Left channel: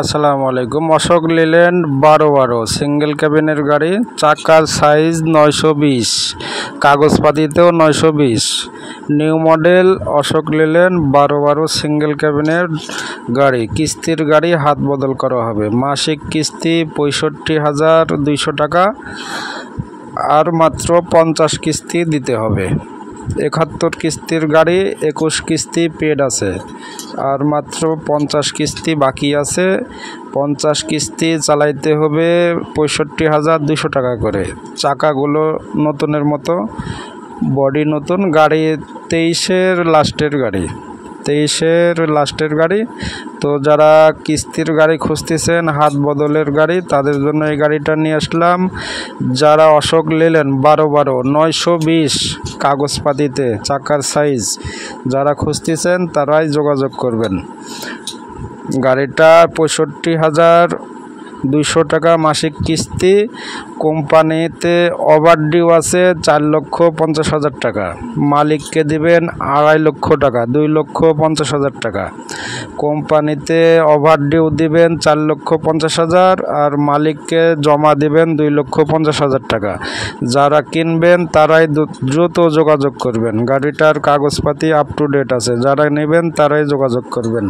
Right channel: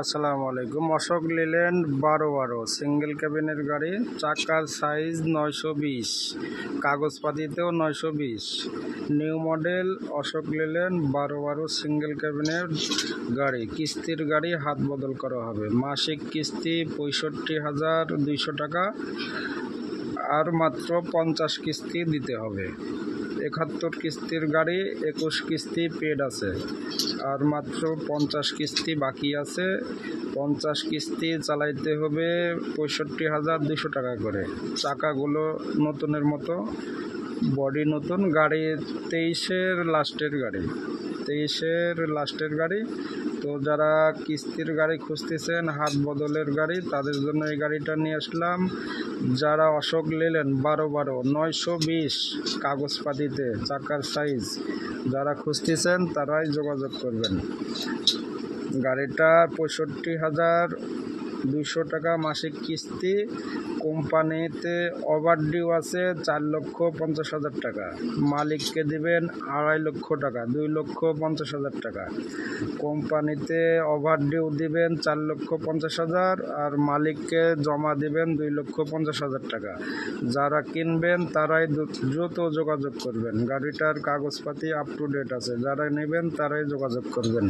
আসসালামু আলাইকুম। অশোক লিল্যান্ড 12 সিঙ্গেল ক্যাবিনের গাড়ি, চাকার সাইজ 920, কাগজপাতিতেও 920, new model Ashok Leyland 12 single ক্যাবিনের গাড়ি, কিস্তির গাড়ি, হাত বদল করা হবে। মাসিক কিস্তি 65,200 টাকা আর মাত্র 50 কিস্তি দিতে হবে। 71 কিস্তির গাড়ি, 21 কিস্তি পেড আছে আর মাত্র 50 কিস্তি বাকি আছে। 50 কিস্তি চালাইতে হবে 65,200 টাকা করে। চাকাগুলো নতুনের মতো, বডি নতুন। গাড়ি 23-এর লাস্টের গাড়ি। তো যারা কিস্তির গাড়ি খুঁজতেছেন, হাত বদলের গাড়ি, তাদের জন্য এই গাড়িটা নিয়ে আসলাম। যারা অশোক লিল্যান্ড 12 920 কাগজপাতিতে চাকার সাইজ যারা খুঁজতেছেন তারাই যোগাযোগ করবেন। গাড়িটা 65,200 টাকা মাসিক কিস্তি। কোম্পানিতে ওভারডিউ আছে 4,50,000 টাকা। মালিককে দিবেন 2.5 লক্ষ টাকা, 2,50,000 টাকা। কোম্পানিতে ওভারডিউ দিবেন 4,50,000 আর মালিককে জমা দিবেন 2,50,000 টাকা। যারা কিনবেন তারাই দ্রুত যোগাযোগ করবেন। গাড়িটার কাগজপাতি আপ টু ডেট আছে, যারা নেবেন তারাই যোগাযোগ করবেন।